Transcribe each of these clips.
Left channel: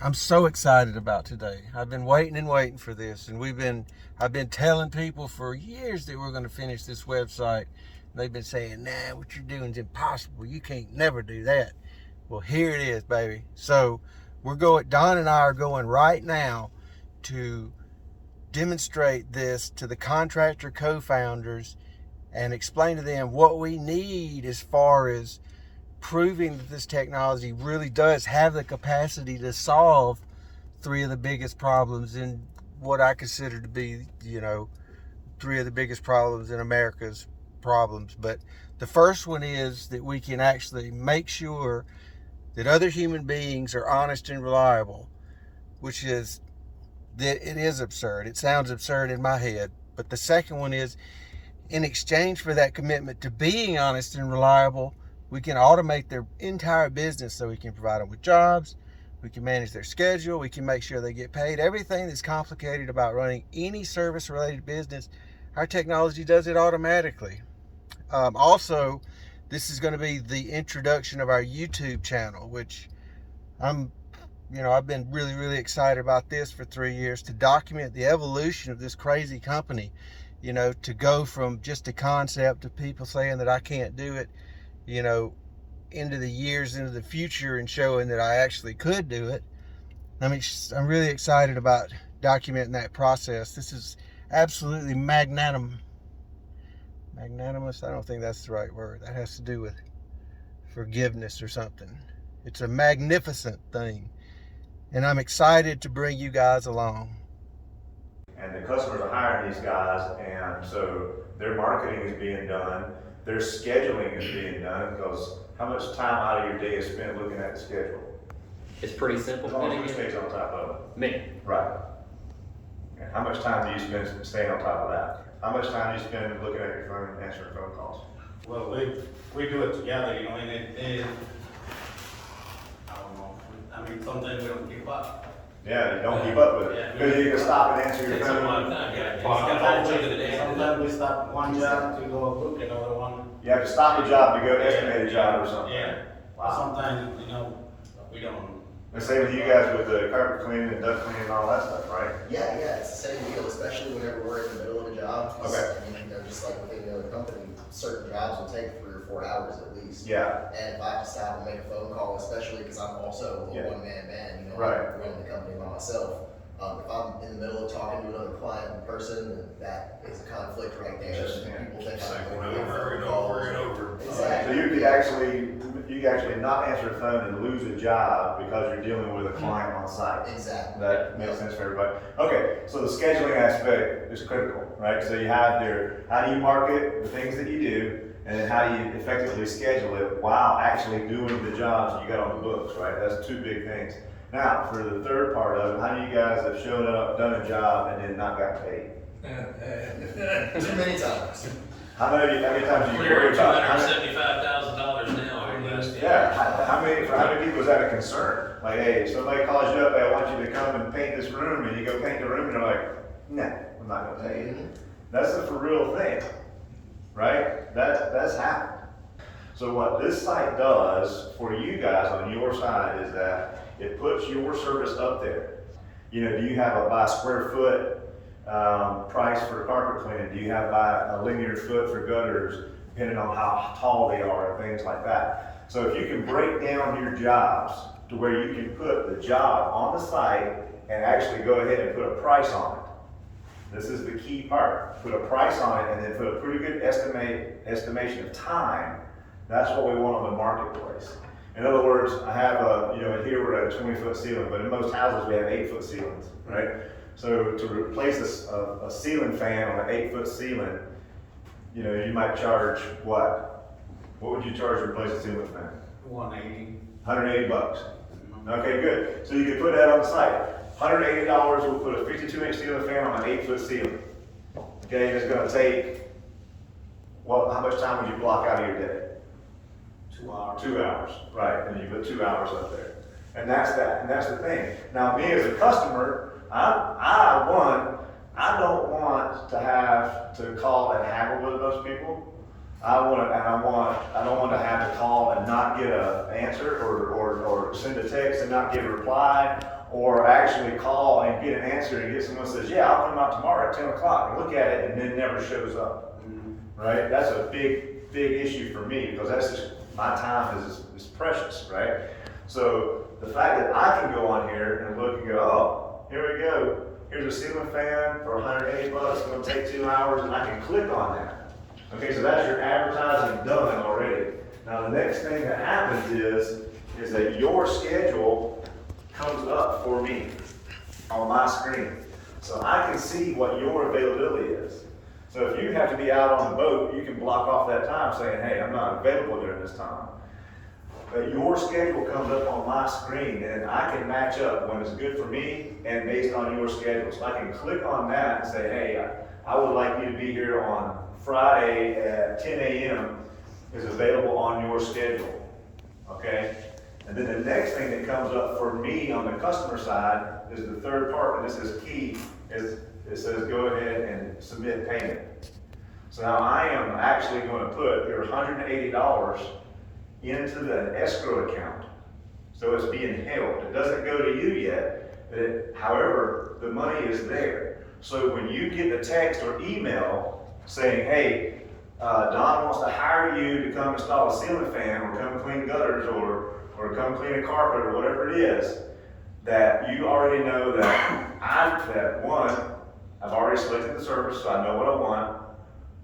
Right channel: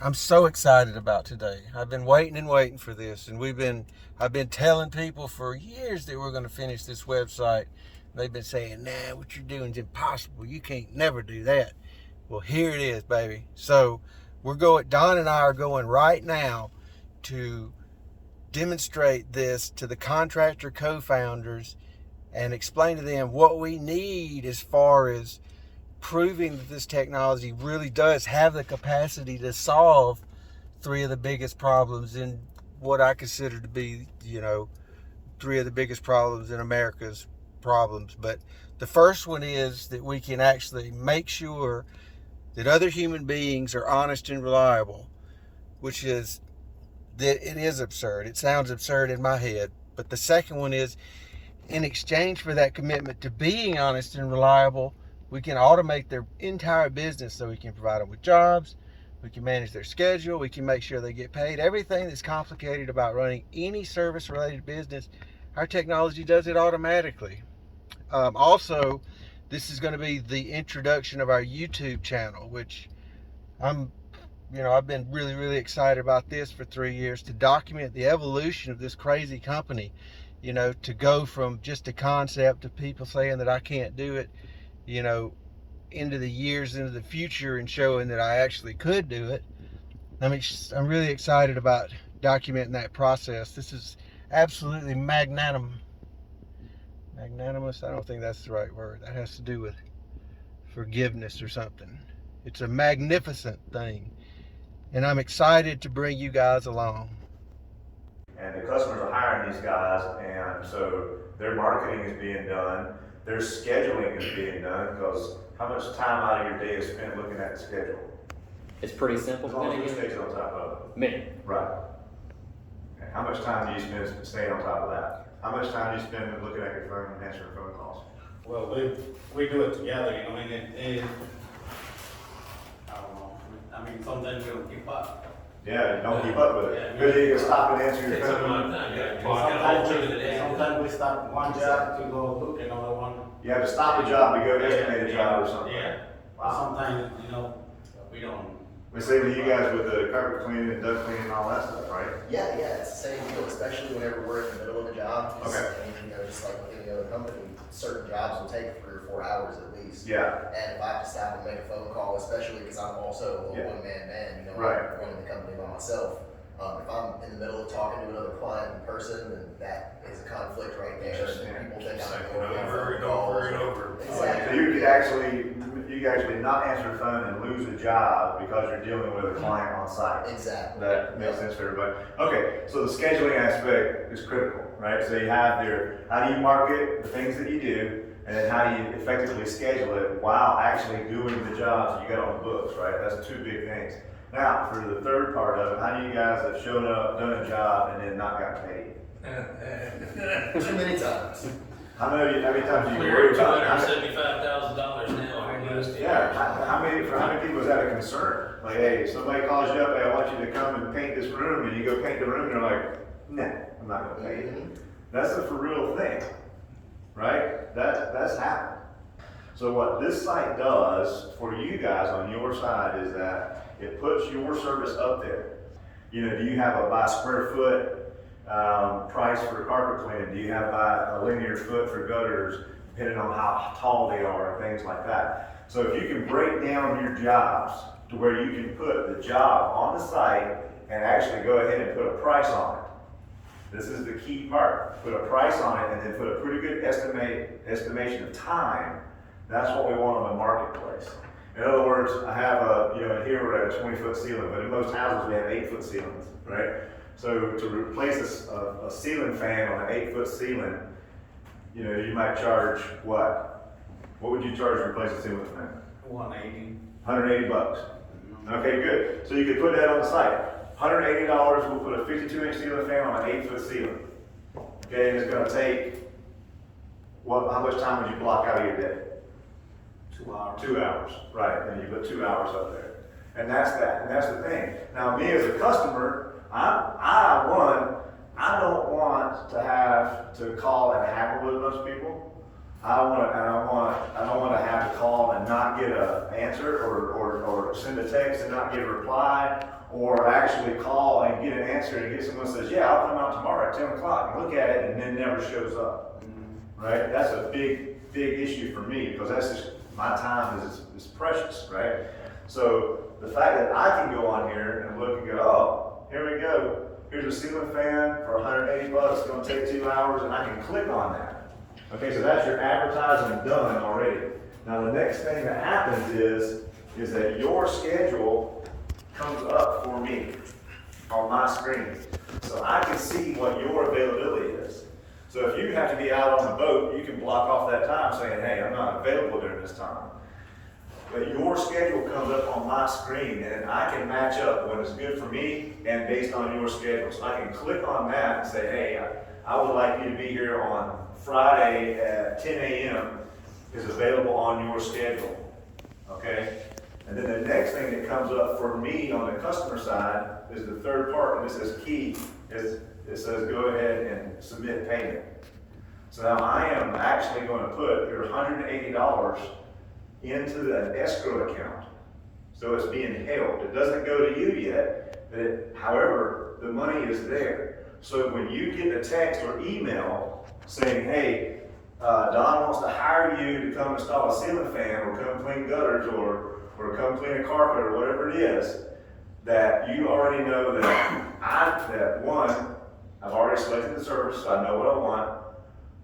I'm so excited about today. I've been waiting and waiting for this, and I've been telling people for years that we're going to finish this website. They've been saying, "Nah, what you're doing is impossible. You can't never do that." Well, here it is, baby. So Don and I are going right now to demonstrate this to the contractor co-founders and explain to them what we need as far as proving that this technology really does have the capacity to solve three of the biggest problems in what I consider to be, three of the biggest problems in America's problems. But the first one is that we can actually make sure that other human beings are honest and reliable, which is that it is absurd. It sounds absurd in my head. But the second one is, in exchange for that commitment to being honest and reliable, we can automate their entire business so we can provide them with jobs, we can manage their schedule, we can make sure they get paid. Everything that's complicated about running any service-related business, our technology does it automatically. Also, this is going to be the introduction of our YouTube channel, which I'm I've been really, really excited about this for 3 years to document the evolution of this crazy company, to go from just a concept of people saying that I can't do it, you know, into the years into the future and showing that I actually could do it. I'm really excited about documenting that process. This is absolutely magnanimous. I don't think that's the right word. That has to do with forgiveness or something. It's a magnificent thing. And I'm excited to bring you guys along. And the customers are hiring these guys, and so their marketing is being done, their scheduling is being done, because how much time out of your day is spent looking at the schedule? It's pretty simple. As long as who stays on top of it? Me. Right. And how much time do you spend staying on top of that? How much time do you spend looking at your phone and answering phone calls? Well, we do it together, and I don't know. I mean, sometimes we don't keep up. Yeah, you don't keep up with it. Because you can stop and answer your phone. Sometimes we stop one job to go look at another one. You have to stop the job to go estimate a job or something. Yeah. Or sometimes, we don't. The same with you guys with the carpet cleaning and duct cleaning and all that stuff, right? Yeah, it's the same deal, especially whenever we're in the middle of a job. Okay. Just like with any other company, certain jobs will take 3 or 4 hours at least. Yeah. And if I have to stop and make a phone call, especially because I'm also a one-man band, Right. I'm running the company by myself. If I'm in the middle of talking to another client in person, then that is a conflict right there. And people think I'm going over and over and over. Exactly. So you could actually not answer the phone and lose a job because you're dealing with a client on site. Exactly. That makes sense for everybody. Okay, so the scheduling aspect is critical, right? So you have how do you market the things that you do, and then how do you effectively schedule it while actually doing the jobs that you got on the books, right? That's two big things. Now, for the third part of it, how many of you guys have shown up, done a job, and then not got paid? Too many times. How many times do you We're hear about $275,000 now over last year. Yeah, for how many people is that a concern? Like, hey, somebody calls you up, hey, I want you to come and paint this room, and you go paint the room, and they're like, nah, I'm not gonna pay you. That's the for real thing, right? That's happened. So what this site does for you guys on your side is that it puts your service up there. Do you have a by square foot price for carpet cleaning? Do you have by a linear foot for gutters, depending on how tall they are and things like that? So if you can break down your jobs to where you can put the job on the site and actually go ahead and put a price on it. This is the key part. Put a price on it and then put a pretty good estimation of time. That's what we want on the marketplace. In other words, I have in here we're at a 20-foot ceiling, but in most houses we have 8-foot ceilings, right? So to replace a ceiling fan on an 8-foot ceiling, you might charge what? What would you charge to replace a ceiling fan? 180. $180. Okay, good. So you could put that on the site. $180, we'll put a 52-inch ceiling fan on an 8-foot ceiling. Okay, and it's gonna take, how much time would you block out of your day? 2 hours. 2 hours, right, and you put 2 hours up there. And that's the thing. Now, me as a customer, I don't want to have to call and haggle with those people. I don't want to have to call and not get an answer, or send a text and not get a reply, or actually call and get an answer and get someone who says, yeah, I'll come out tomorrow at 10 o'clock and look at it, and then never shows up. Right? That's a big issue for me, because that's just, my time is precious, right? So the fact that I can go on here and look and go, oh, here we go. Here's a ceiling fan for $180, it's gonna take 2 hours, and I can click on that. Okay, so that's your advertising done already. Now the next thing that happens is that your schedule comes up for me on my screen. So I can see what your availability is. So if you have to be out on the boat, you can block off that time saying, hey, I'm not available during this time. But your schedule comes up on my screen, and I can match up when it's good for me and based on your schedule. So I can click on that and say, hey, I would like you to be here on Friday at 10 a.m. is available on your schedule, okay? And then the next thing that comes up for me on the customer side is the third part, and this is key, is it says go ahead and submit payment. So now I am actually going to put your $180 into the escrow account. So it's being held. It doesn't go to you yet, but however, the money is there. So when you get a text or email saying, hey, Don wants to hire you to come install a ceiling fan, or come clean gutters, or come clean a carpet, or whatever it is, that you already know that one, I've already selected the service, so I know what I want.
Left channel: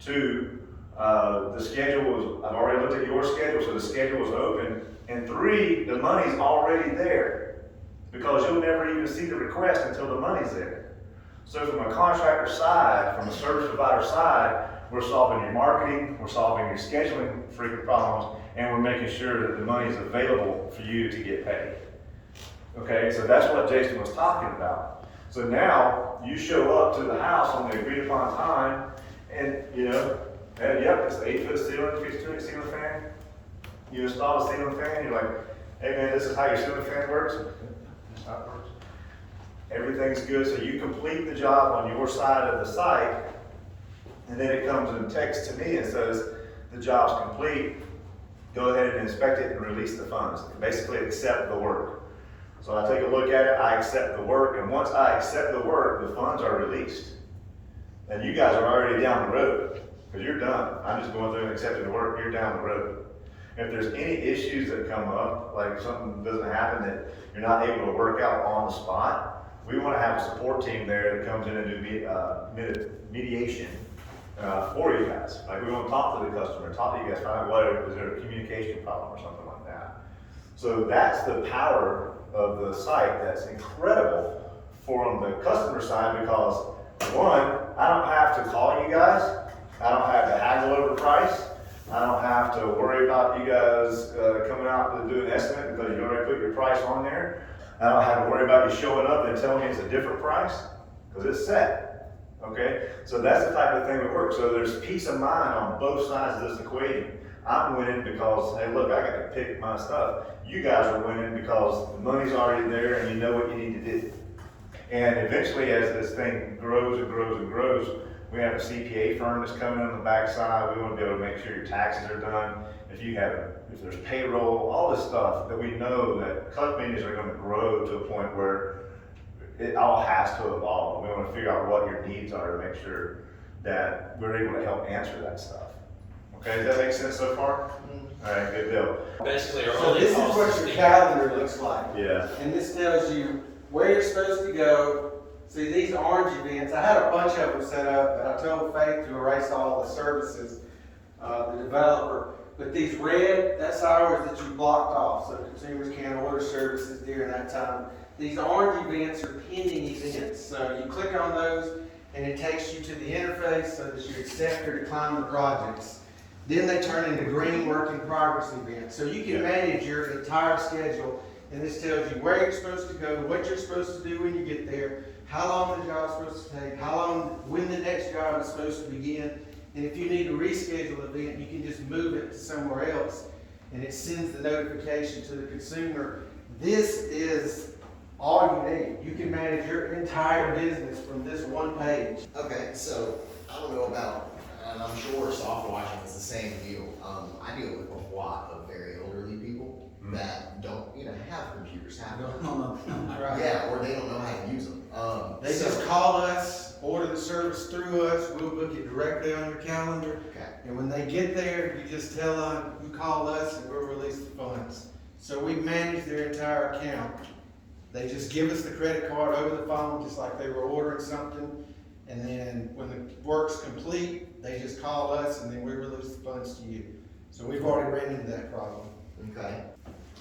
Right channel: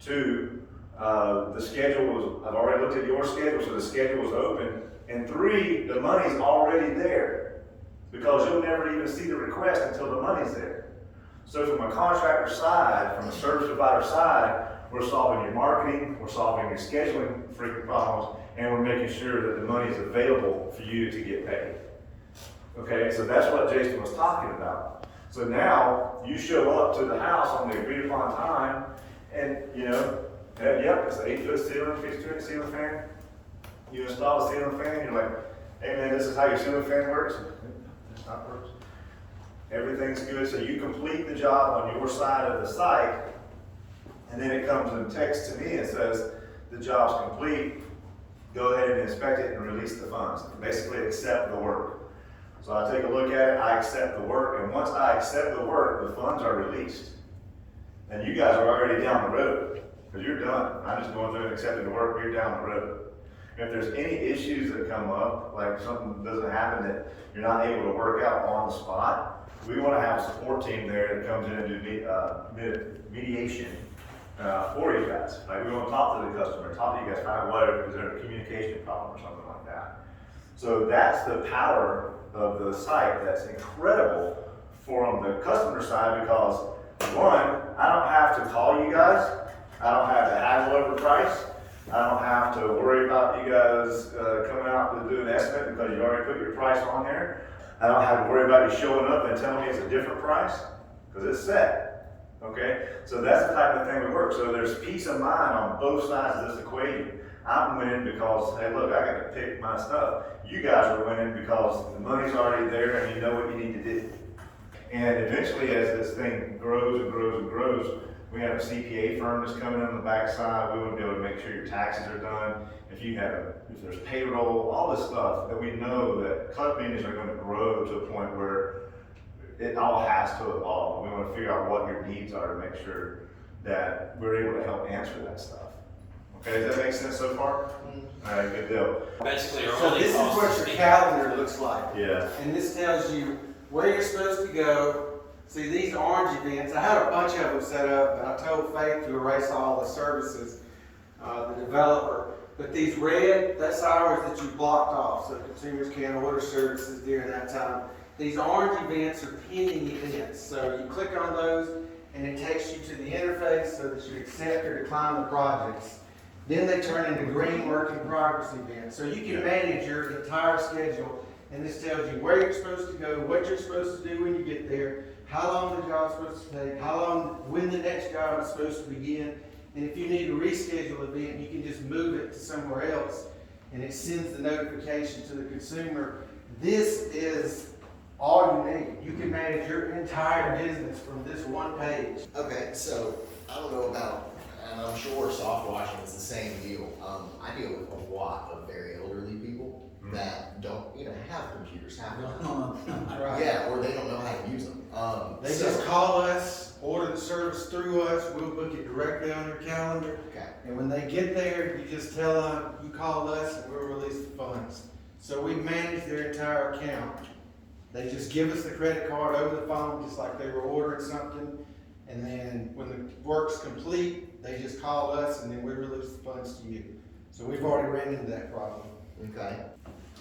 Two, the schedule was, I've already looked at your schedule, so the schedule was open. And three, the money's already there, because you'll never even see the request until the money's there. So from a contractor side, from a service provider side, we're solving your marketing, we're solving your scheduling frequent problems, and we're making sure that the money is available for you to get paid. Okay, so that's what Jason was talking about. So now you show up to the house on the agreed upon time, and you know, yep, it's an 8-foot ceiling, 52-inch ceiling fan. You install a ceiling fan, you're like, hey man, this is how your ceiling fan works. That's how it works. Everything's good, so you complete the job on your side of the site, and then it comes and texts to me and says, the job's complete, go ahead and inspect it and release the funds. Basically accept the work. So I take a look at it, I accept the work, and once I accept the work, the funds are released. And you guys are already down the road, because you're done. I'm just going through and accepting the work, you're down the road. If there's any issues that come up, like something doesn't happen that you're not able to work out on the spot, we want to have a support team there that comes in and do mediation for you guys. Like we want to talk to the customer, talk to you guys, find out what is there a communication problem or something like that. So that's the power of the site. That's incredible from the customer side, because one, I don't have to call you guys. I don't have to haggle over price. I don't have to worry about you guys coming out to do an estimate because you already put your price on there. I don't have to worry about you showing up and telling me it's a different price, because it's set, okay? So that's the type of thing we work. So there's peace of mind on both sides of this equation. I'm winning because, hey look, I got to pick my stuff. You guys are winning because the money's already there and you know what you need to do. And eventually, as this thing grows and grows and grows, we have a CPA firm that's coming on the backside. We want to be able to make sure your taxes are done. If there's payroll, all this stuff that we know that companies are going to grow to a point where it all has to evolve. We want to figure out what your needs are to make sure that we're able to help answer that stuff. Okay, does that make sense so far? All right, good deal. Basically, our So only this is cost what is your the- calendar looks like. Yeah. And this tells you where you're supposed to go. See, these orange events, I had a bunch of them set up, but I told Faith to erase all the services, the developer. But these red, that's hours that you blocked off, so consumers can't order services during that time. These orange events are pending events, so you click on those, and it takes you to the interface so that you accept or decline the projects. Then they turn into green work in progress events. So you can manage your entire schedule, and this tells you where you're supposed to go, what you're supposed to do when you get there, how long the job's supposed to take, when the next job is supposed to begin. And if you need to reschedule an event, you can just move it to somewhere else, and it sends the notification to the consumer. This is all you need. You can manage your entire business from this one page. Okay, so I don't know about, and I'm sure soft washing is the same deal. I deal with a lot of very elderly people that don't even have computers, No. Right. yeah, or they don't know how to use them. They just call us, order the service through us, we'll book it directly on your calendar. Okay. And when they get there, you just tell them, you call us and we'll release the funds. So we manage their entire account. They just give us the credit card over the phone, just like they were ordering something. And then when the work's complete, they just call us and then we release the funds to you. So we've already ran into that problem. Okay.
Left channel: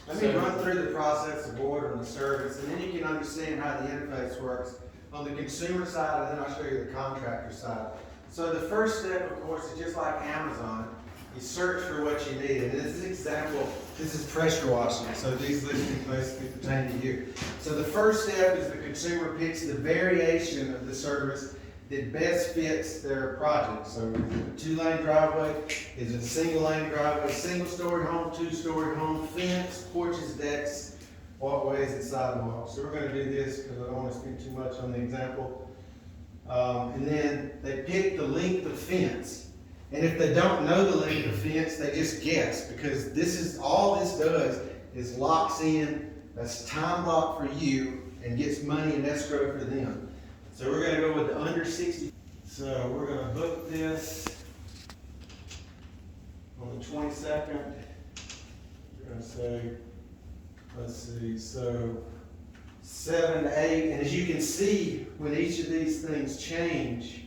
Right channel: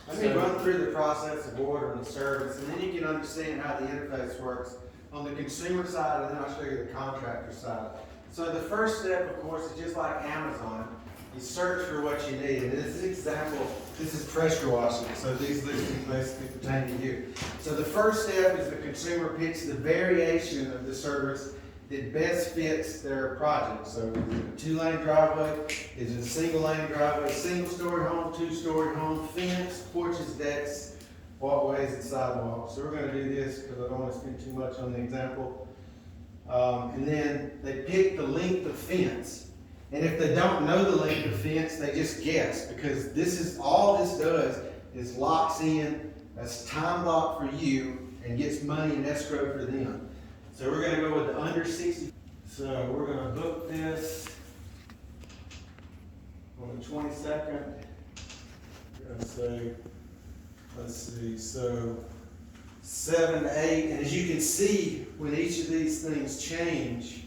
Let me run through the process of ordering the service, and then you can understand how the interface works on the consumer side, and then I'll show you the contractor side. So the first step, of course, is just like Amazon. You search for what you need, and this is example, this is pressure washing, so these listings basically pertain to you. So the first step is the consumer picks the variation of the service that best fits their project. So is it a 2-lane driveway? Is it a single lane driveway? Single-story home, 2-story home, fence, porches, decks, walkways, and sidewalks. So we're gonna do this because I don't wanna spend too much on the example. And then they pick the length of fence. And if they don't know the length of fence, they just guess, because this is, all this does is locks in, that's time block for you, and gets money in escrow for them. So we're gonna go with the under 60. So we're gonna book this on the 22nd. We're gonna say, let's see, so 7 to 8, and as you can see, when each of these things change,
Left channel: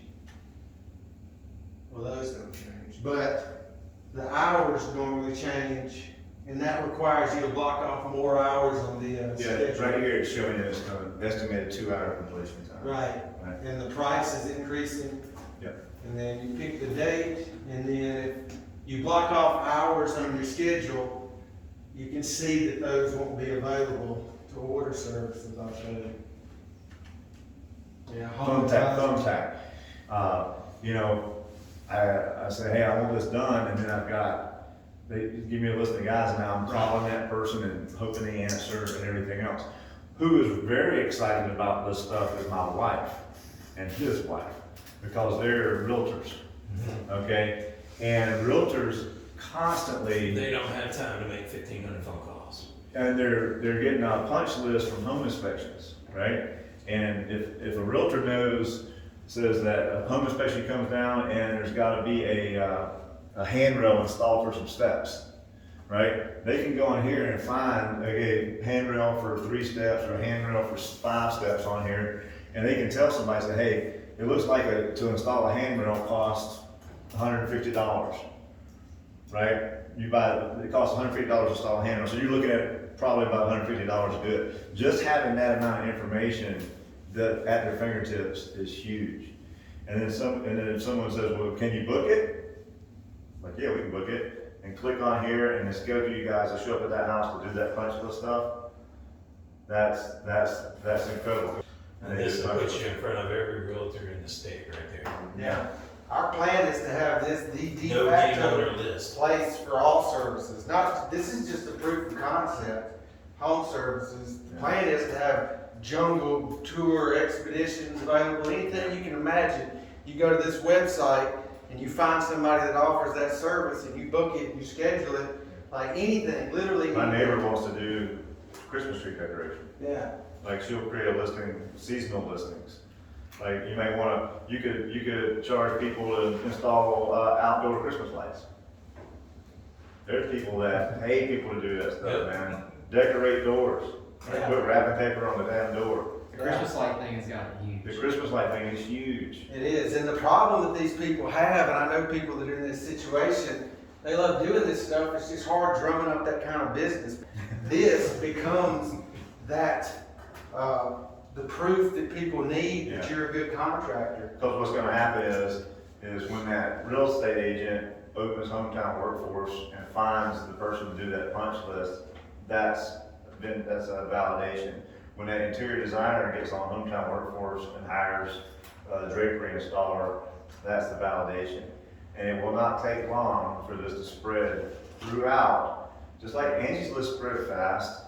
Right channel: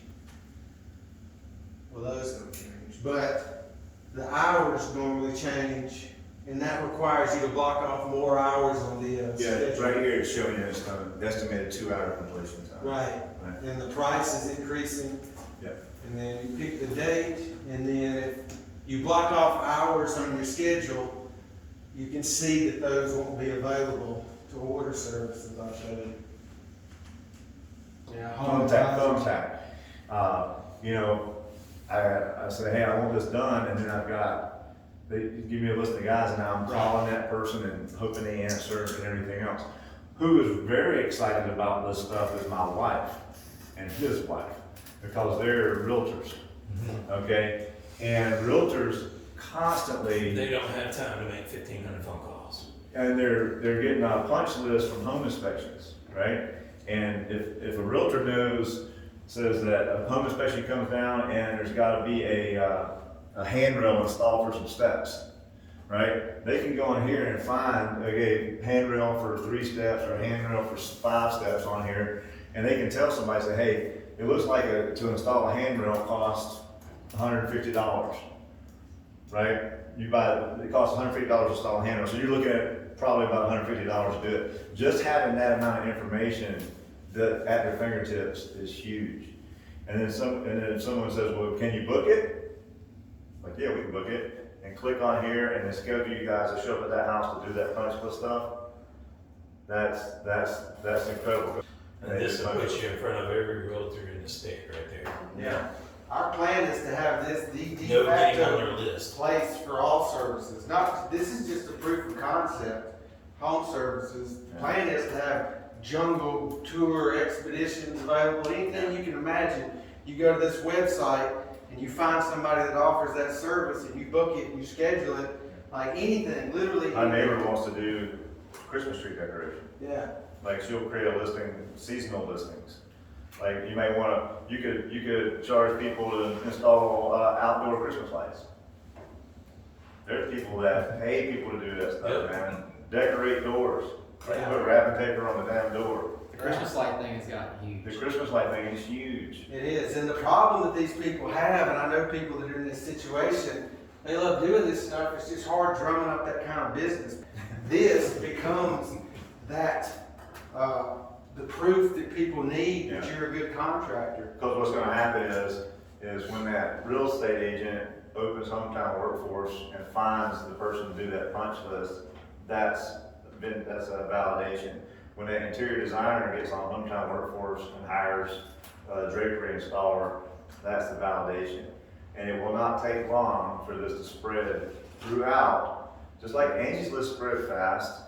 well, those don't change, but the hours normally change, and that requires you to block off more hours on the Yeah, schedule. right here it's showing us an estimated 2-hour completion time. Right, Right. and the price is increasing. Yep. And then you pick the date, and then if you block off hours on your schedule, you can see that those won't be available to order services, I'll show you. Yeah, home Thumbtack. You know, I say, hey, I want this done, and then they give me a list of guys, and now I'm calling that person and hoping they answer and everything else. Who is very excited about this stuff is my wife and his wife, because they're realtors, okay? And realtors constantly, They don't have time to make 1,500 phone calls. and they're getting a punch list from home inspections, right? And if a realtor says that a home inspection comes down and there's gotta be a handrail installed for some steps, right? They can go on here and find a handrail for 3 steps or a handrail for 5 steps on here, and they can tell somebody, say, hey, it looks like to install a handrail costs $150, right? It costs $150 to install a handrail, so you're looking at probably about $150 to do it. Just having that amount of information at their fingertips is huge. And then if someone says, well, can you book it? Like, yeah, we can book it. And click on here and then schedule you guys to show up at that house to do that punch list stuff. That's incredible. And this puts you in front of every realtor in the state right there. Yeah, our plan is to have this the de No getting on facto their list. place for all services. This is just a proof of concept, home services. The plan is to have jungle tour expeditions available, anything you can imagine. You go to this website and you find somebody that offers that service and you book it and you schedule it, like anything, literally. My neighbor wants to do Christmas tree decoration. Yeah, Like, she'll create a listing, seasonal listings. Like, you may wanna, you could charge people to install, outdoor Christmas lights. There's people that pay people to do that stuff, Yep. man. Decorate doors. Like, Yeah. put wrapping paper on the damn door. The Christmas light thing has gotten huge. The Christmas light thing is huge. it is. And the problem that these people have, and I know people that are in this situation, they love doing this stuff. It's just hard drumming up that kind of business. This becomes that, the proof that people need that Yeah. you're a good contractor. Because what's gonna happen is when that real estate agent opens Hometown Workforce and finds the person to do that punch list, that's a validation. When that interior designer gets on Hometown Workforce and hires a drapery installer, that's the validation. And it will not take long for this to spread throughout, just like Angie's List spread fast,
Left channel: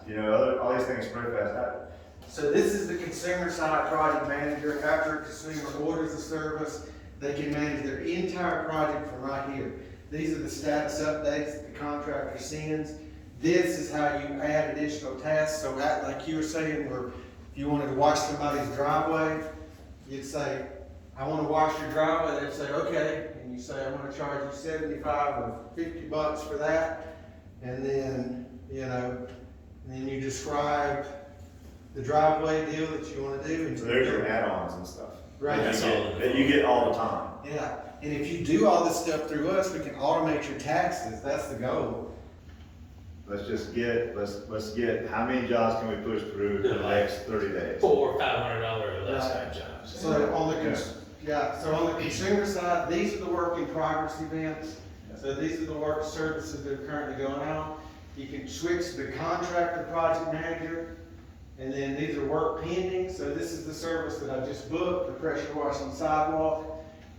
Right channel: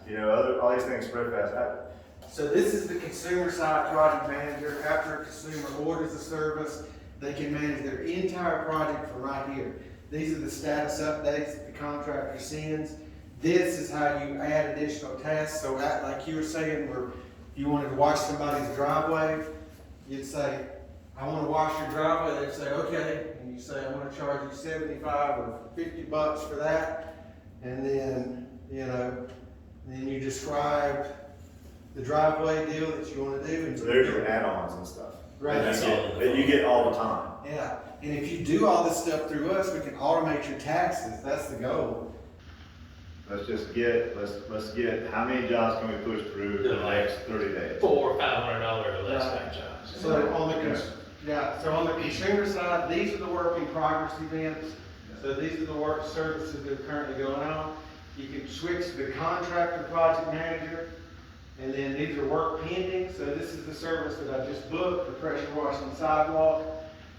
all these things spread fast. So this is the consumer side project manager. After a consumer orders a service, They can manage their entire project from right here. These are the status updates that the contractor sends. This is how you add additional tasks. So like you were saying, where if you wanted to wash somebody's driveway, you'd say, I want to wash your driveway. They'd say, okay. And you say, I want to charge you 75 or 50 bucks for that. And then, and then you describe the driveway deal that you want to do. And So there's your add-ons and stuff. Right. That you get all the time. Yeah, and if you do all this stuff through us, we can automate your taxes. That's the goal. Let's get, how many jobs can we push through in the next 30 days? $400 or $500 or less Right. type jobs. So on the consumer side, these are the work in progress events. So these are the work services that are currently going on. You can switch to the contractor project manager. And then these are work pending. So this is the service that I just booked, the pressure washing sidewalk.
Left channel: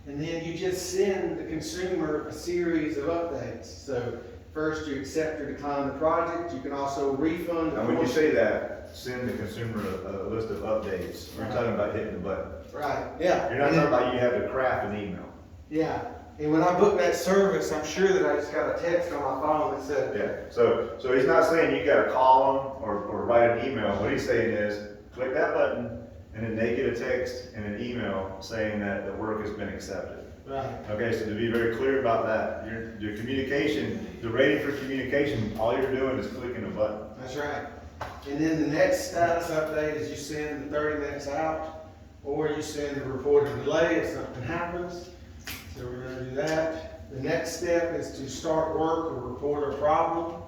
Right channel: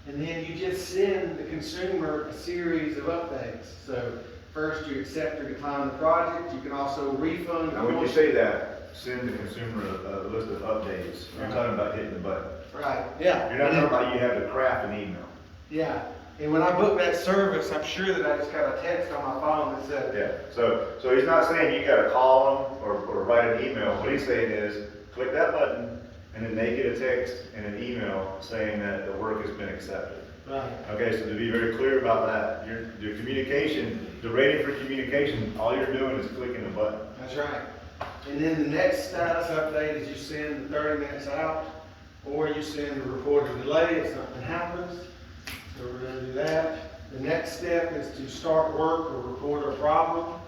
And then you just send the consumer a series of updates. So first you accept or decline the project. You can also refund. Now, when you say that, send the consumer a list of updates, you're talking about hitting the button. Right, yeah. You're not talking about you have to craft an email. Yeah, and when I book that service, I'm sure that I just got a text on my phone that said, Yeah, so he's not saying you gotta call him or write an email. What he's saying is, click that button, and then they get a text and an email saying that the work has been accepted. right, Okay, so to be very clear about that, your communication, the rating for communication, all you're doing is clicking a button. that's right. And then the next status update is you send 30 minutes out, or you send a report of delay if something happens. So we're gonna do that. The next step is to start work or report a problem.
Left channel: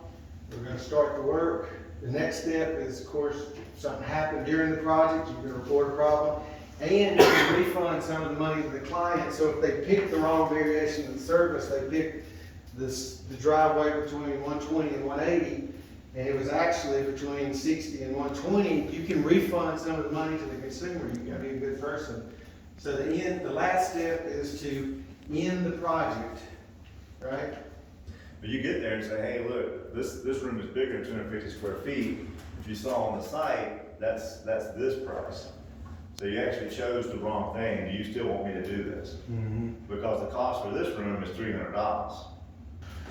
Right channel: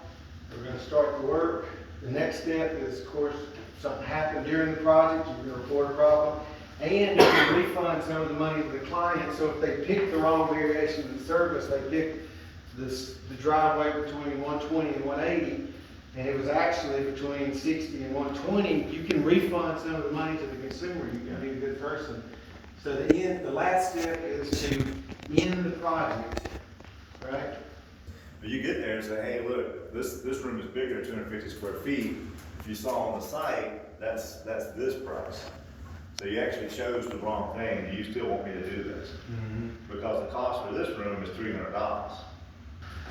We're gonna start the work. The next step is, of course, if something happened during the project, you're gonna report a problem. And you can refund some of the money to the client. So if they pick the wrong variation of the service, they picked the driveway between 120 and 180, and it was actually between 60 and 120, you can refund some of the money to the consumer. You can be a good person. So the last step is to end the project, right? But you get there and say, hey, look, this room is bigger than 250 square feet. If you saw on the site, that's this price. So you actually chose the wrong thing, and you still want me to do this. Because the cost for this room is $300.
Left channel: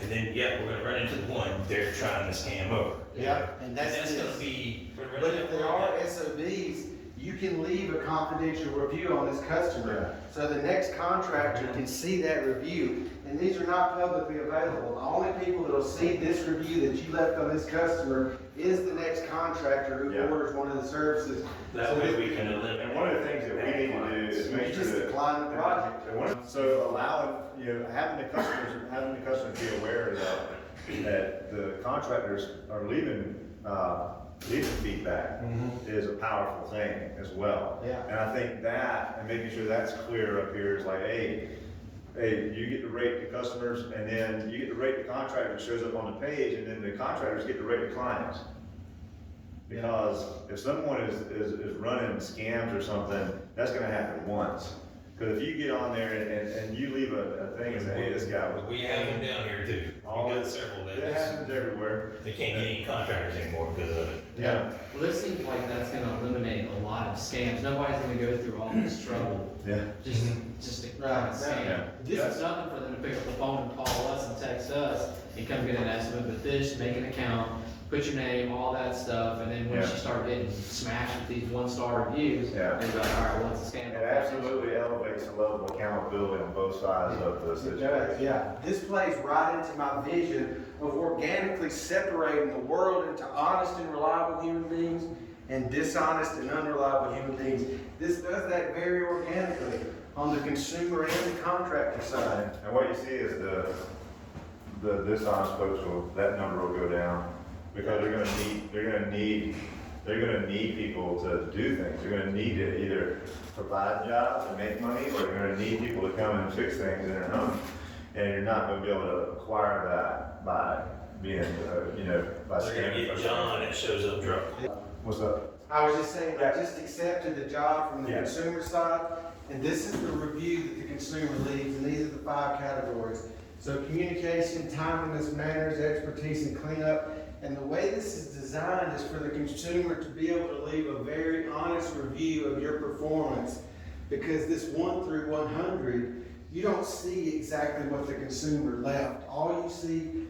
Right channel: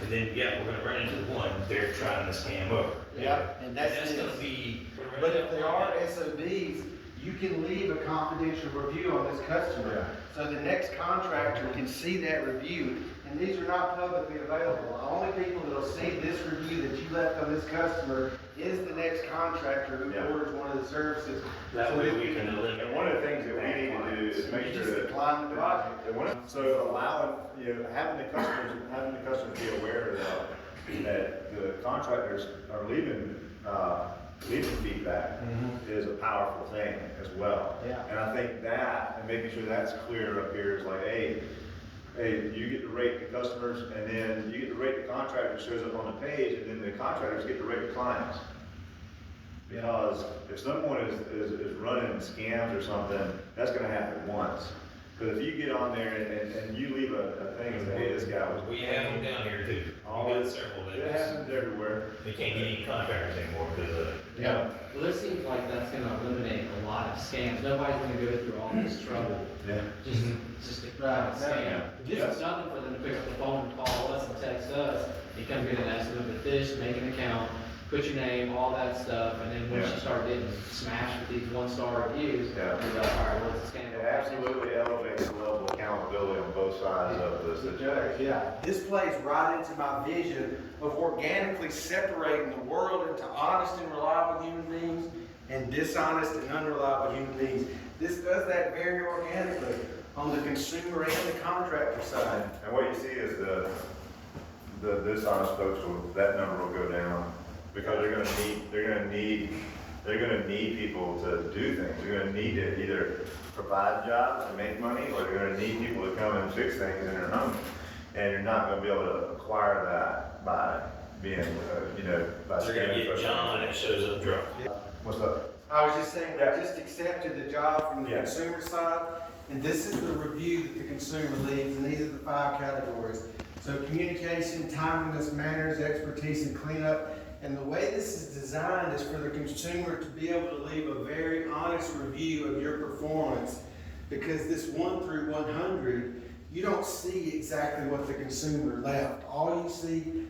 And then, yeah, we're gonna run into the one, they're trying to scam over. Yeah, and that's gonna this. be. But if there are SOBs, you can leave a confidential review on this customer. So the next contractor can see that review, and these are not publicly available. The only people that'll see this review that you left on this customer is the next contractor who Yeah. orders one of the services. That So way if- we can eliminate. And one of the things that we need to do is make You sure just that. decline the project. So allowing, having the customers be aware that the contractors are leaving feedback is a powerful thing as well. Yeah. And I think that, and making sure that's clear up here is like, hey, you get to rate the customers, and then you get to rate the contractor that shows up on the page, and then the contractors get to rate the clients. Because if someone is running scams or something, that's gonna happen once. Because if you get on there and you leave a thing and say, hey, this guy was. We have them down here too. We got several It days. happens everywhere. They can't get any contractors anymore because of it. Yeah. Well, this seems like that's gonna eliminate a lot of scams. Nobody's gonna go through all this trouble Yeah. just to Right. scam. Yeah. This is nothing for them to pick up the phone and call us and text us and come get an estimate of the fish, make an account, put your name, all that stuff, and then once Yeah. you start getting smashed with these one-star reviews, Yeah. they're like, all right, what's the scam? It absolutely elevates the level of accountability on both sides of the situation. Yeah, this plays right into my vision of organically separating the world into honest and reliable human beings and dishonest and unreliable human beings. This does that very organically on the consumer and the contractor side. And what you see is the dishonest folks that number will go down because they're gonna need people to do things. They're gonna need to either provide jobs to make money, or they're gonna need people to come and fix things in their home. And you're not gonna be able to acquire that by being, by They're gonna scamming get folks. John that shows up drunk. What's up? I was just saying, I just accepted the job from the Yeah. consumer side, and this is the review that the consumer leaves, and these are the 5 categories. So communication, timeliness, manners, expertise, and cleanup. And the way this is designed is for the consumer to be able to leave a very honest review of your performance, because this 1 through 100 you don't see exactly what the consumer left. All you see,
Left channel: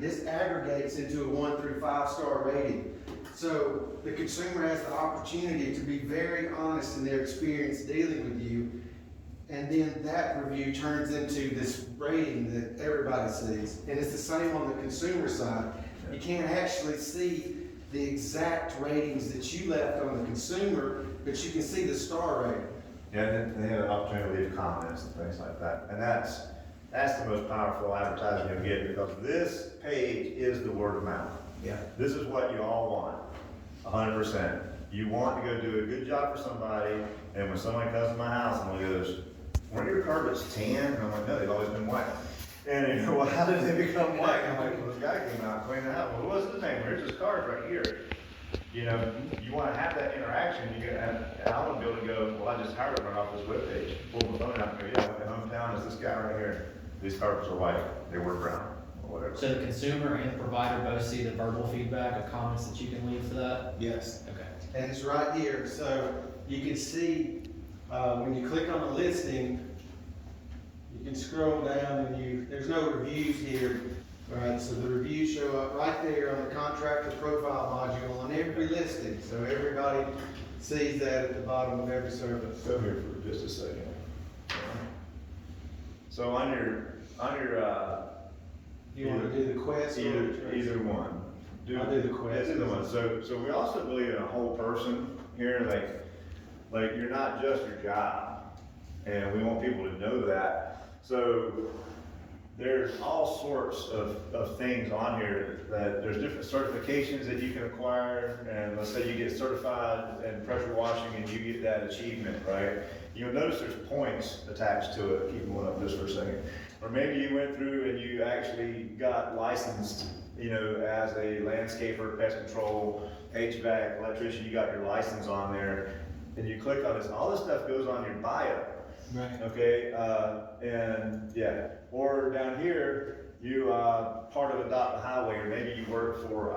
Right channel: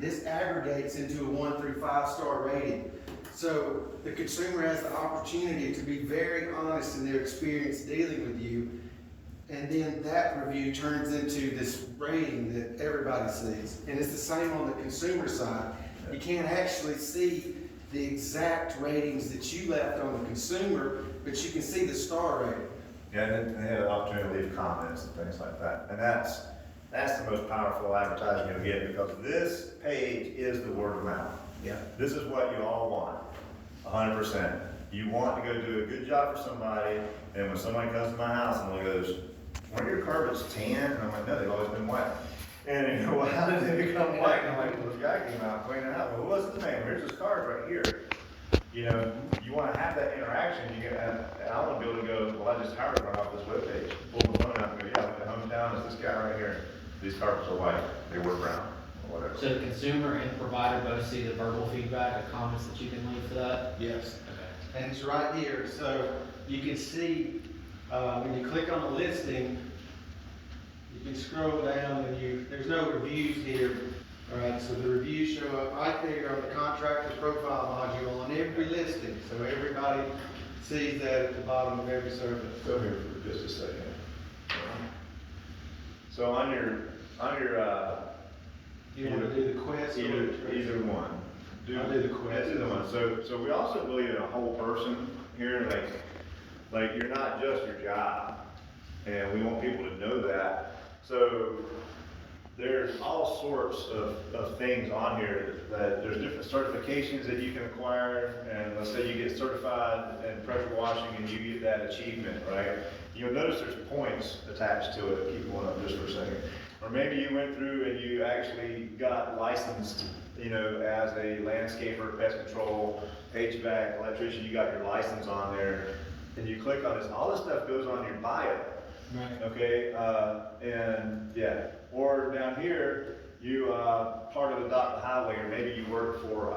this aggregates into a 1 through 5 star rating. So the consumer has the opportunity to be very honest in their experience dealing with you. And then that review turns into this rating that everybody sees. And it's the same on the consumer side. You can't actually see the exact ratings that you left on the consumer, but you can see the star rating. Yeah, and they have an opportunity to leave comments and things like that. And that's the most powerful advertising you'll get, because this page is the word of mouth. Yeah. This is what you all want, 100%. You want to go do a good job for somebody, and when somebody comes to my house and one goes, "Weren't your carpets tan?" And I'm like, "No, they've always been white." And you know, well, how did they become white? And I'm like, "Well, this guy came out and cleaned it out." "Well, what's his name? Here's his card right here." You know, you want to have that interaction. And I want to be able to go, "Well, I just hired him off this webpage." Pull the phone out and go, "Yeah, I went to Hometown. It's this guy right here. These carpets are white. They were brown," or whatever. So the consumer and the provider both see the verbal feedback of comments that you can leave for that? Yes. Okay. And it's right here, so you can see, when you click on the listing, you can scroll down and there's no reviews here. Alright, so the reviews show up right there on the contractor profile module on every listing, so everybody sees that at the bottom of every service. Go here for just a second. So on your, You wanna do the quest? or the either one. I'll do the quest. Either one. So we also believe in a whole person here, like you're not just your job, and we want people to know that. So there's all sorts of things on here that there's different certifications that you can acquire, and let's say you get certified in pressure washing and you get that achievement, right? You'll notice there's points attached to it. Keep going up just for a second. Or maybe you went through and you actually got licensed, you know, as a landscaper, pest control, HVAC, electrician, you got your license on there, and you click on this, and all this stuff goes on your bio. Right. Okay, and yeah, or down here, you, part of Adopt a Highway, or maybe you work for,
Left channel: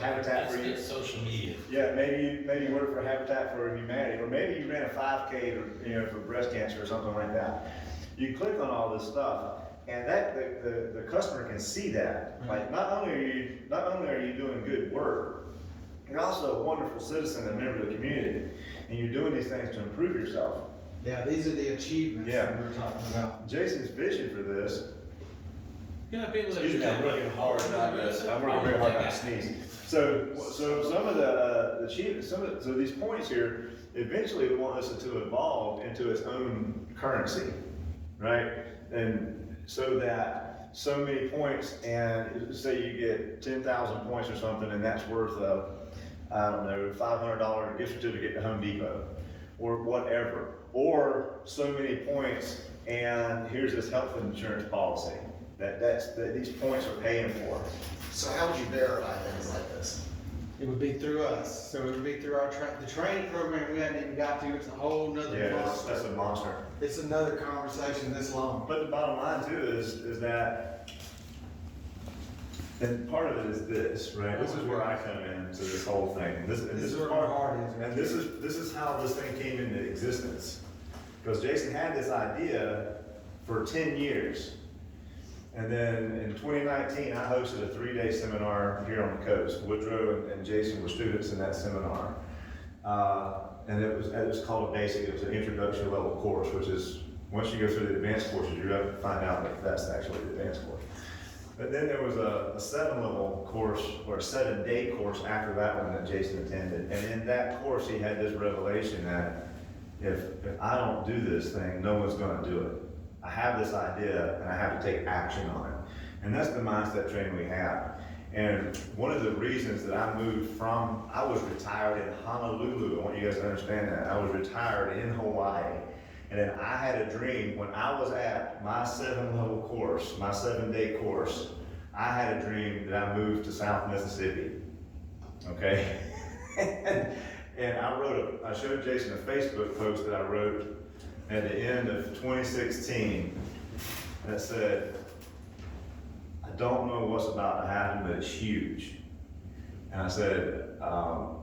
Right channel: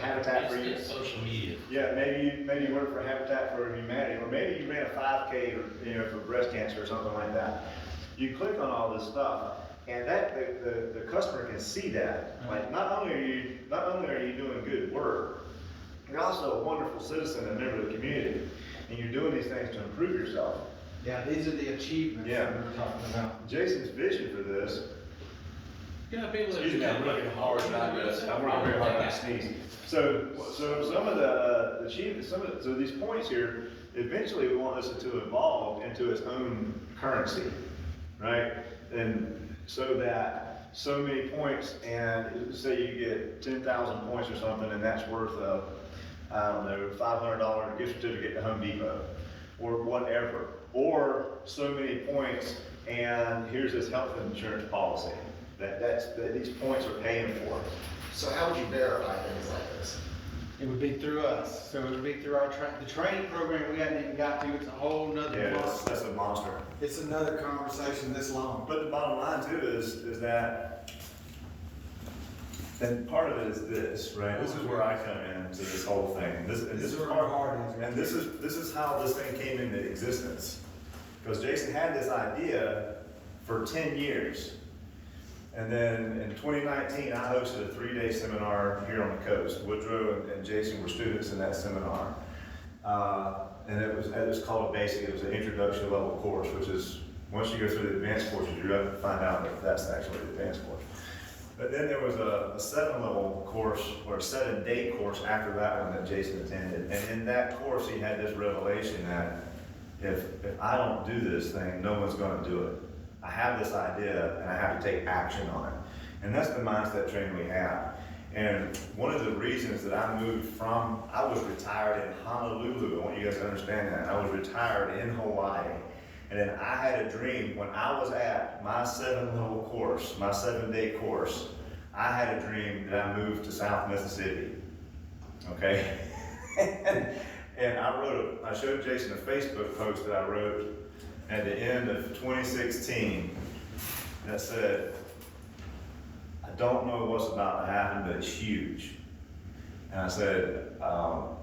Habitat for That's Humanity. just social media. Yeah, maybe you work for Habitat for Humanity, or maybe you ran a 5K, or, you know, for breast cancer or something like that. You click on all this stuff, and that the customer can see that. Like, not only are you doing good work, you're also a wonderful citizen and member of the community, and you're doing these things to improve yourself. Yeah, these are the achievements Yeah. that we're talking about. Jason's vision for this. Yeah, people that. Excuse me, I'm working hard not to, I'm working very hard not to sneeze. So some of the achievements, so these points here, eventually we want this to evolve into its own currency, right? And so that so many points, and say you get 10,000 points or something, and that's worth I don't know, $500 gift certificate to Home Depot, or whatever. Or so many points, and here's this health insurance policy that these points are paying for. So how would you verify things like this? It would be through us, so it would be through our the training program we hadn't even got to, it's a whole nother Yeah, monster. that's a monster. It's another conversation this long. But the bottom line too is that, and part of it is this, right? This is where I come into this whole thing. And this is is where my part, heart is. and this is how this thing came into existence. Because Jason had this idea for 10 years. And then in 2019, I hosted a 3-day seminar here on the coast. Woodrow and Jason were students in that seminar. And it was called a basic, it was an introduction level course, which is, once you go through the advanced courses, you're going to find out that that's actually the advanced course. But then there was a 7-level course, or a 7-day course after that one that Jason attended. And in that course, he had this revelation that if I don't do this thing, no one's gonna do it. I have this idea and I have to take action on it. And that's the mindset training we have. And one of the reasons that I moved from, I was retired in Honolulu, I want you guys to understand that. I was retired in Hawaii. And then I had a dream, when I was at my 7-level course, my 7-day course, I had a dream that I moved to South Mississippi, okay? And I showed Jason a Facebook post that I wrote at the end of 2016 that said, I don't know what's about to happen, but it's huge. And I said, I'm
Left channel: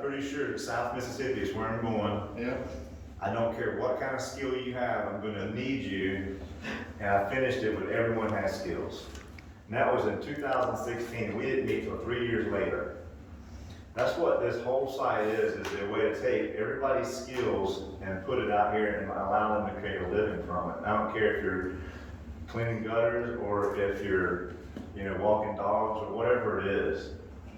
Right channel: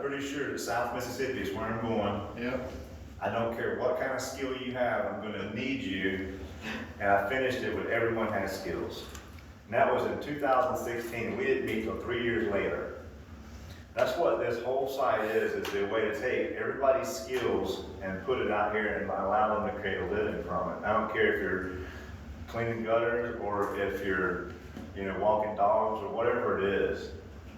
pretty sure that South Mississippi is where I'm going. Yeah. I don't care what kind of skill you have, I'm gonna need you. And I finished it with everyone has skills. And that was in 2016, we didn't meet till 3 years later. That's what this whole site is the way to take everybody's skills and put it out here and allow them to create a living from it. I don't care if you're cleaning gutters or if you're, walking dogs or whatever it is.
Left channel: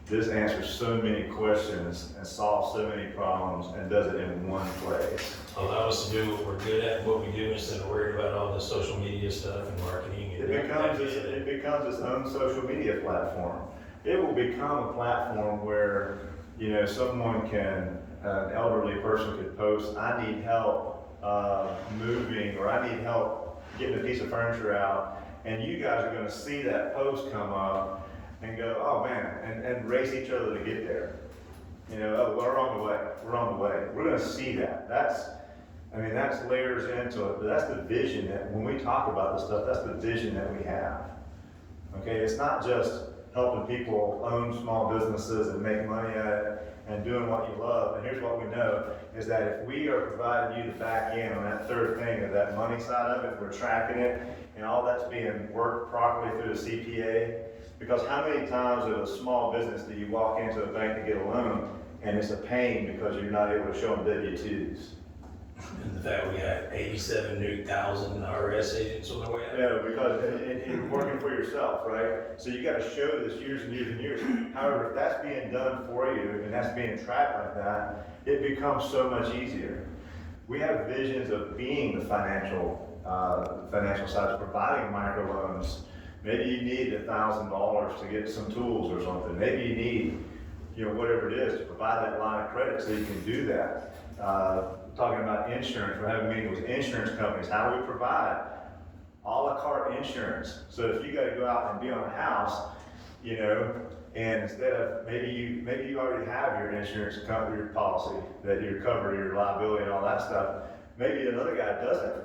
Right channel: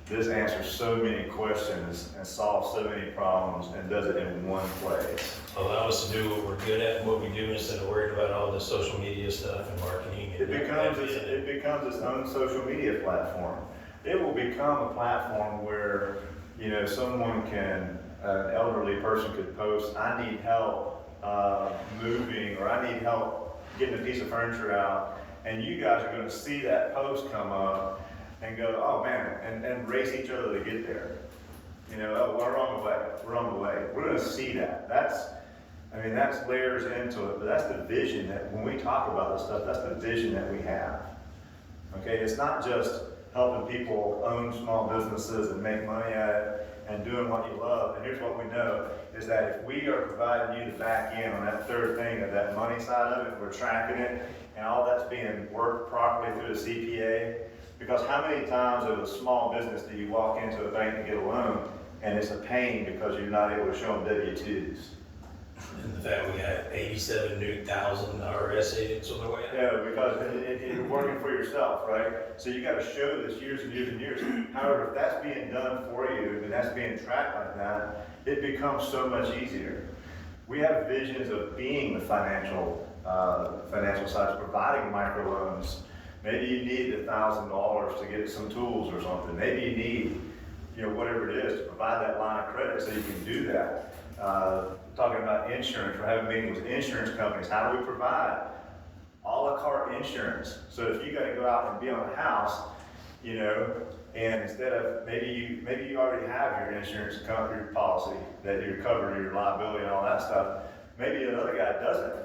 This answers so many questions and solves so many problems and does it in one place. Allow us to do what we're good at and what we do instead of worrying about all the social media stuff and marketing. It becomes its own social media platform. It will become a platform where, someone an elderly person could post, I need help moving, or I need help getting a piece of furniture out. And you guys are gonna see that post come up and go, oh man, and race each other to get there. Oh, we're on the way. We're gonna see that. That's layers into it, but that's the vision that, when we talk about this stuff, that's the vision that we have. Okay, it's not just helping people own small businesses and make money at it and doing what you love. And here's what we know, is that if we are providing you the back end on that third thing, of that money side of it, we're tracking it, and all that's being worked properly through the CPA. Because how many times as a small business do you walk into a bank to get a loan, and it's a pain because you're not able to show them W-2s? And the fact we have 87 new thousand IRS agents on the way out. Because it's working for yourself, right? So you gotta show this years and years and years. However, if that's being done for you and that's being tracked like that, it becomes so much easier. We have visions of being the financial side, providing microloans. Maybe you need $1,000 to get some tools or something. Maybe you need, whatever it is, to provide that line of credit so you can do that. Talking about insurance, we're having meetings with insurance companies. How do we provide a la carte insurance? So if you gotta go out and be on a house, and instead of, maybe you already have your insurance your policy that you cover your liability and all that stuff. Maybe another guy doesn't.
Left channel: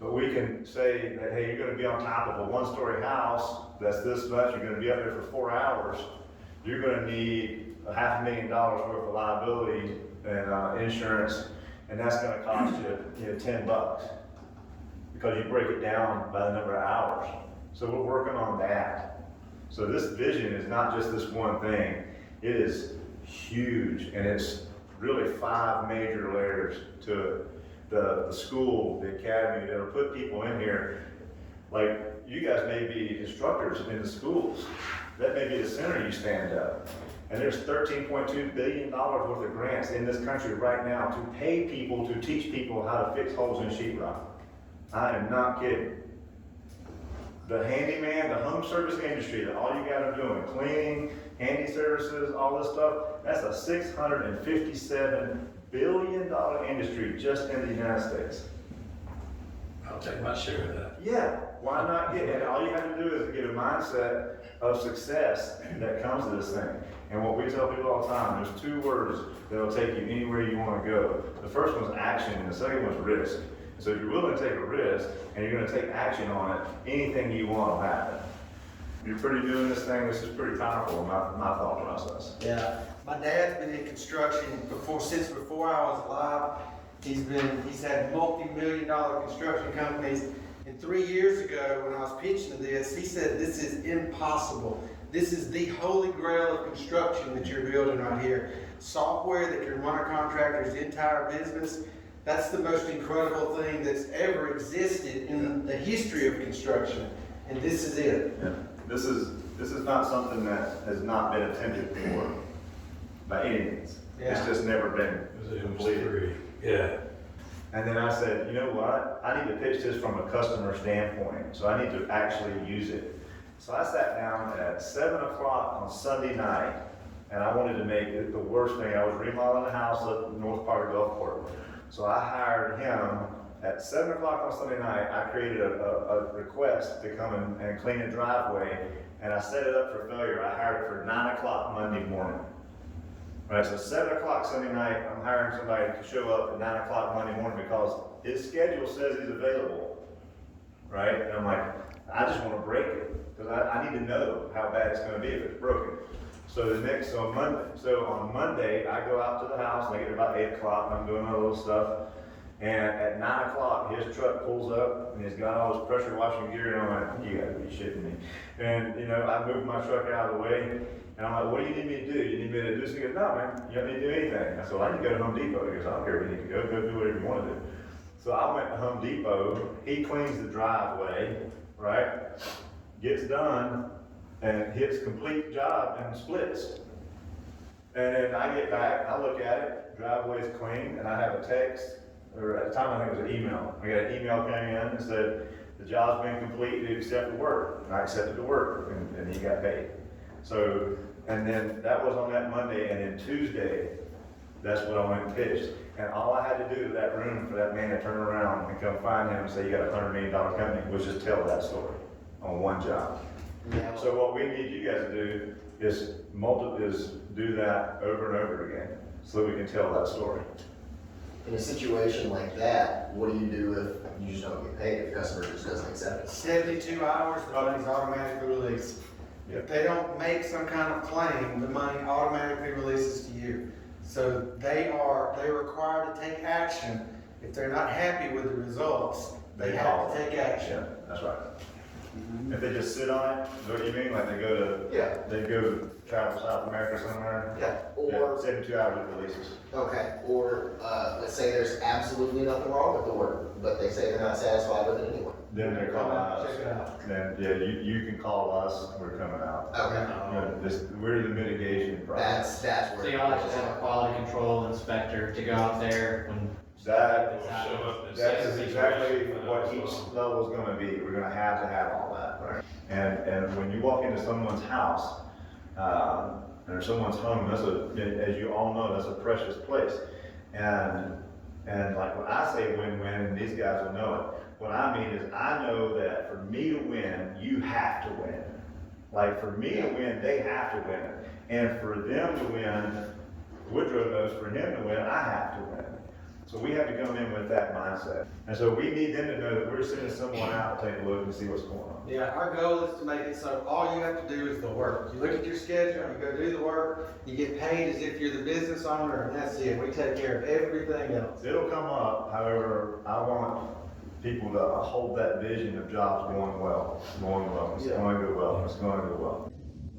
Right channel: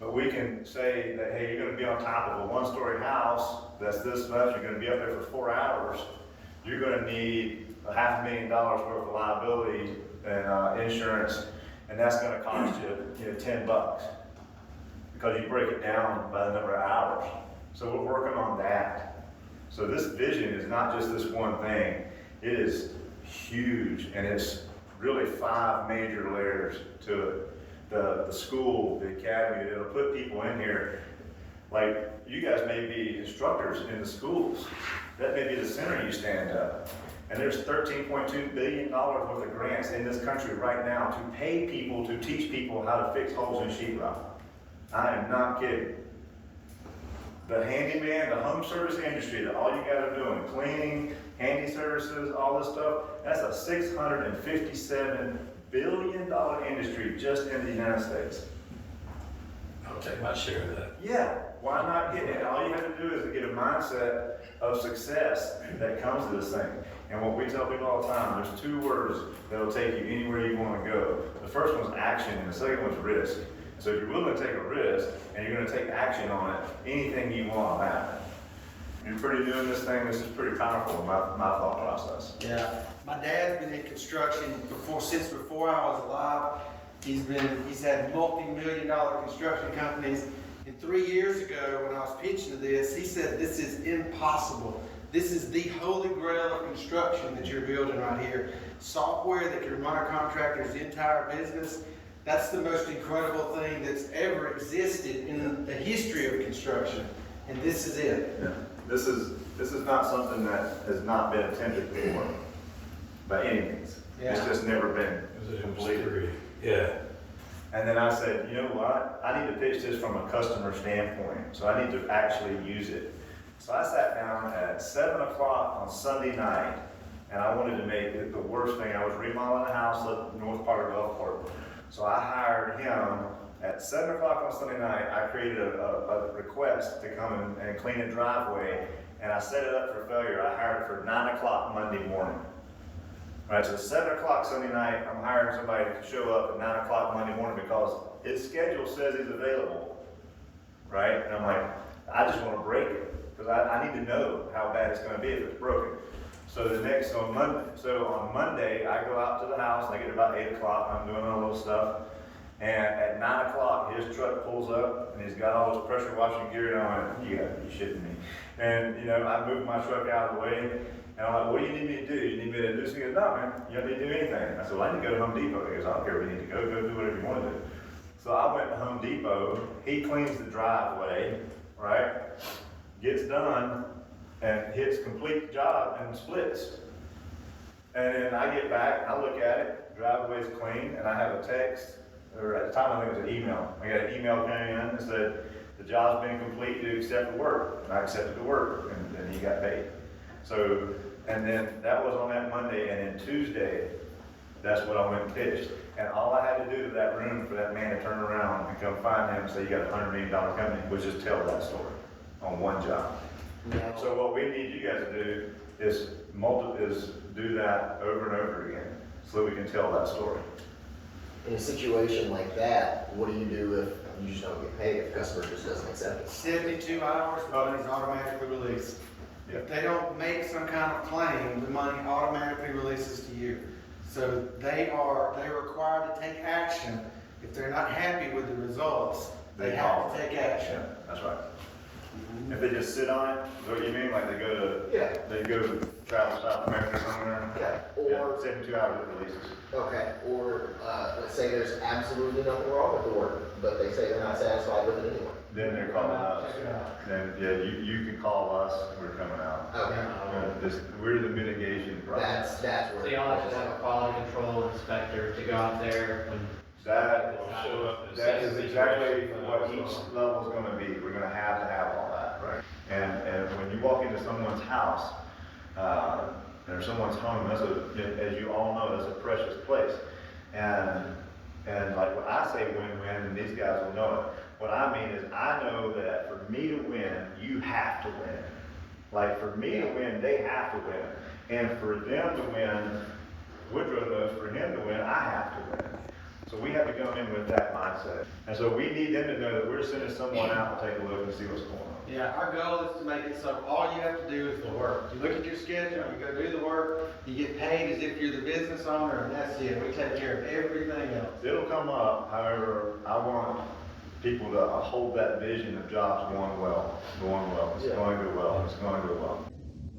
But we can say that, hey, you're gonna be on top of a one-story house that's this much, you're gonna be up there for 4 hours. You're gonna need $500,000 worth of liability and insurance, and that's gonna cost you, $10 because you break it down by the number of hours. So we're working on that. So this vision is not just this one thing; it is huge, and it's really 5 major layers to it. The school, the academy, it'll put people in here. Like, you guys may be instructors in the schools. That may be the center you stand up. And there's $13.2 billion worth of grants in this country right now to pay people to teach people how to fix holes in sheetrock. I am not kidding. The handyman, the home service industry, that all you guys are doing, cleaning, handy services, all this stuff, that's a $657 billion industry just in the United States. I'll take my share of that. Yeah, why not get it? All you have to do is get a mindset of success that comes to this thing. And what we tell people all the time, there's 2 words that'll take you anywhere you want to go. The first one's action, and the second one's risk. So if you're willing to take a risk, and you're going to take action on it, anything you want will happen. You're pretty new in this thing, this is pretty powerful in my thought process. Yeah, my dad's been in construction since before I was alive. He's had multi-million-dollar construction companies. And 3 years ago, when I was pitching to this, he said, this is impossible. This is the holy grail of construction that you're building right here. Software that can run a contractor's entire business. That's the most incredible thing that's ever existed in the history of construction. And this is it. Yeah. This is not something that has not been attempted before by any means. Yeah. It's just never been completed. Yeah. And then I said, you know what? I need to pitch this from a customer standpoint, so I need to actually use it. So I sat down at 7 o'clock on Sunday night, and I wanted to make it the worst thing. I was remodeling a house up in the north part of Gulfport. So I hired him at 7 o'clock on Sunday night. I created a request to come and clean a driveway, and I set it up for failure. I hired it for 9 o'clock Monday morning. All right, so 7 o'clock Sunday night, I'm hiring somebody to show up at 9 o'clock Monday morning because his schedule says he's available, right? And I'm like, I just want to break it because I need to know how bad it's going to be if it's broken. So on Monday, I go out to the house and I get there about 8 o'clock and I'm doing all little stuff. And at 9 o'clock, his truck pulls up and he's got all his pressure washing gear, and I went, you gotta be shitting me. And, you know, I moved my truck out of the way, and I'm like, what do you need me to do? You need me to do this? He goes, no, man, you don't need to do anything. I said, well, I need to go to Home Depot. He goes, I don't care where you need to go do whatever you want to do. So I went to Home Depot, he cleans the driveway, right? Gets done, and hits complete job and splits. And then I get back, I look at it, driveway's clean, and I have a text, or at the time I think it was an email. I got an email came in and said, the job's been complete, you accept the work. And I accepted the work, and he got paid. So, and then that was on that Monday, and then Tuesday, that's what I went and pitched. And all I had to do to that room for that man to turn around and come find him and say, you got a $100 million company, was just tell that story on one job. So what we need you guys to do is do that over and over again, so we can tell that story. In a situation like that, what do you do if you just don't get paid, if the customer just doesn't accept it? 72 hours, the money's automatically released. If they don't make some kind of claim, the money automatically releases to you. So they're required to take action. If they're not happy with the results, they have to take action. That's right. If they just sit on it, is what you mean? Like they go travel to South America somewhere? Yeah, or, 72 hours it releases. okay, or, let's say there's absolutely nothing wrong with the work, but they say they're not satisfied with it anyway. Then they're calling us. Check it out. Then, yeah, you can call us, we're coming out. Okay. We're the mitigation process. That's where. So y'all just have a quality control inspector to go out there when. That Show up in That is certain exactly situations. what each level is gonna be, we're gonna have to have all that, right? And when you walk into someone's house, or someone's home, as you all know, that's a precious place. And like when I say win-win, and these guys will know it, what I mean is I know that for me to win, you have to win. Like for me to win, they have to win. And for them to win, Woodrow knows for him to win, I have to win. So we have to come in with that mindset. And so we need them to know that we're sending someone out to take a look and see what's going on. Yeah, our goal is to make it so all you have to do is the work. You look at your schedule, you go do the work, you get paid as if you're the business owner, and that's it. We take care of everything else. It'll come up, however, I want people to hold that vision of jobs going well, it's going to go well, it's going to go well.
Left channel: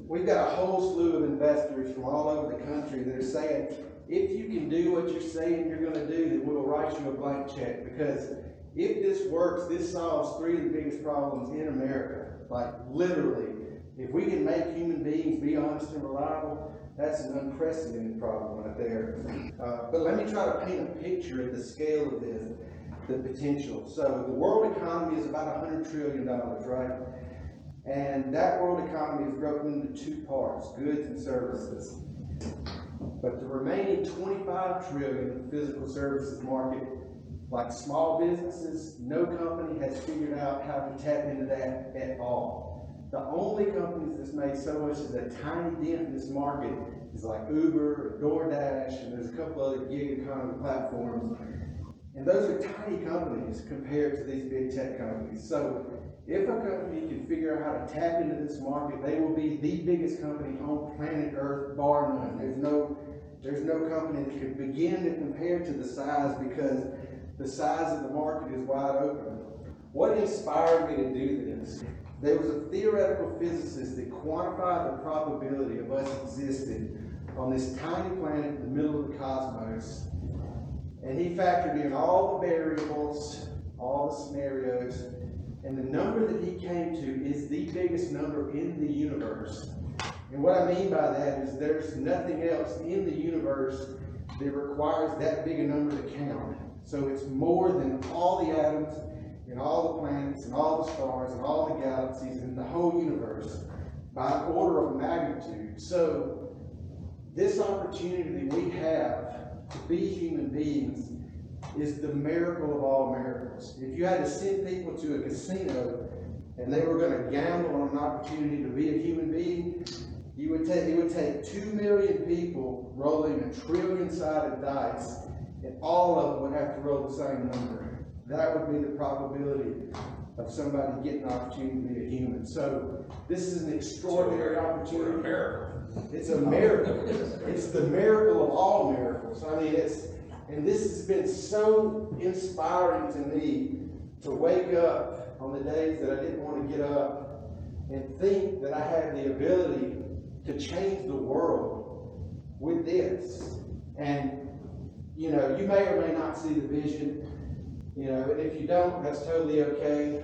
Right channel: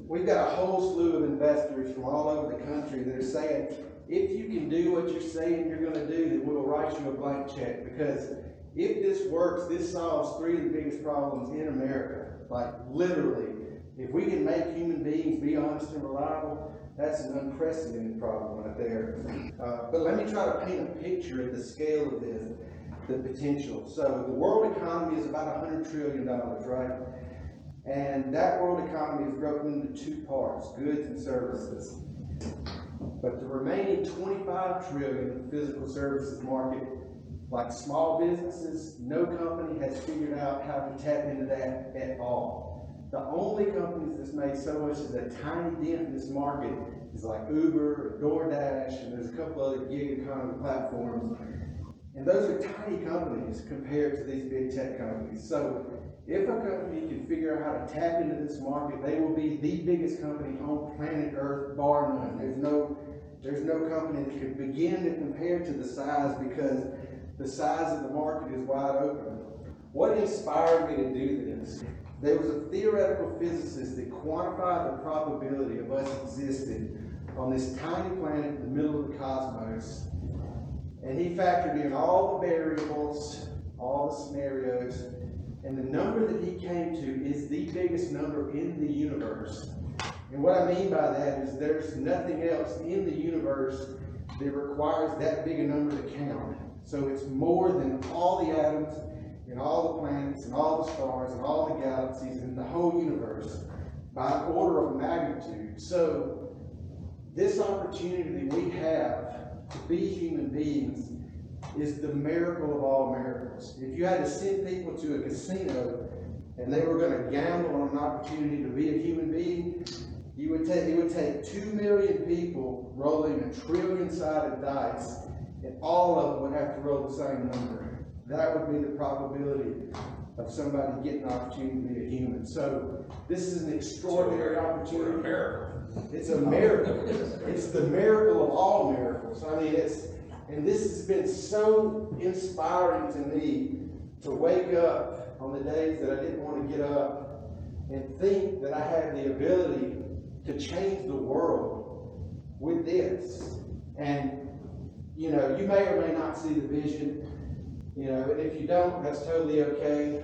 We've got a whole slew of investors from all over the country that are saying, if you can do what you're saying you're gonna do, then we'll write you a blank check. Because if this works, this solves 3 of the biggest problems in America. Like literally, if we can make human beings be honest and reliable, that's an unprecedented problem right there. But let me try to paint a picture of the scale of this, the potential. So the world economy is about $100 trillion, right? And that world economy is broken into 2 parts, goods and services. But the remaining 25 trillion of the physical services market, like small businesses, no company has figured out how to tap into that at all. The only companies that's made so much as a tiny dent in this market is like Uber, or DoorDash, and there's a couple other gig economy platforms. And those are tiny companies compared to these big tech companies. So if a company can figure out how to tap into this market, they will be the biggest company on planet Earth, bar none. There's no company that can begin to compare to the size, because the size of the market is wide open. What inspired me to do this? There was a theoretical physicist that quantified the probability of us existing on this tiny planet in the middle of the cosmos. And he factored in all the variables, all the scenarios, and the number that he came to is the biggest number in the universe. And what I mean by that is there's nothing else in the universe that requires that big a number to count. So it's more than all the atoms and all the planets and all the stars and all the galaxies in the whole universe by an order of magnitude. So this opportunity we have to be human beings is the miracle of all miracles. If you had to send people to a casino and they were going to gamble on an opportunity to be a human being, it would take 2 million people rolling a trillion-sided dice, and all of them would have to roll the same number. That would be the probability of somebody getting an opportunity to be a human. So this is an extraordinary opportunity. We're a miracle. It's a miracle. It's the miracle of all miracles. I mean, And this has been so inspiring to me to wake up on the days that I didn't want to get up and think that I have the ability to change the world with this. And, you know, you may or may not see the vision, you know, and if you don't, that's totally okay.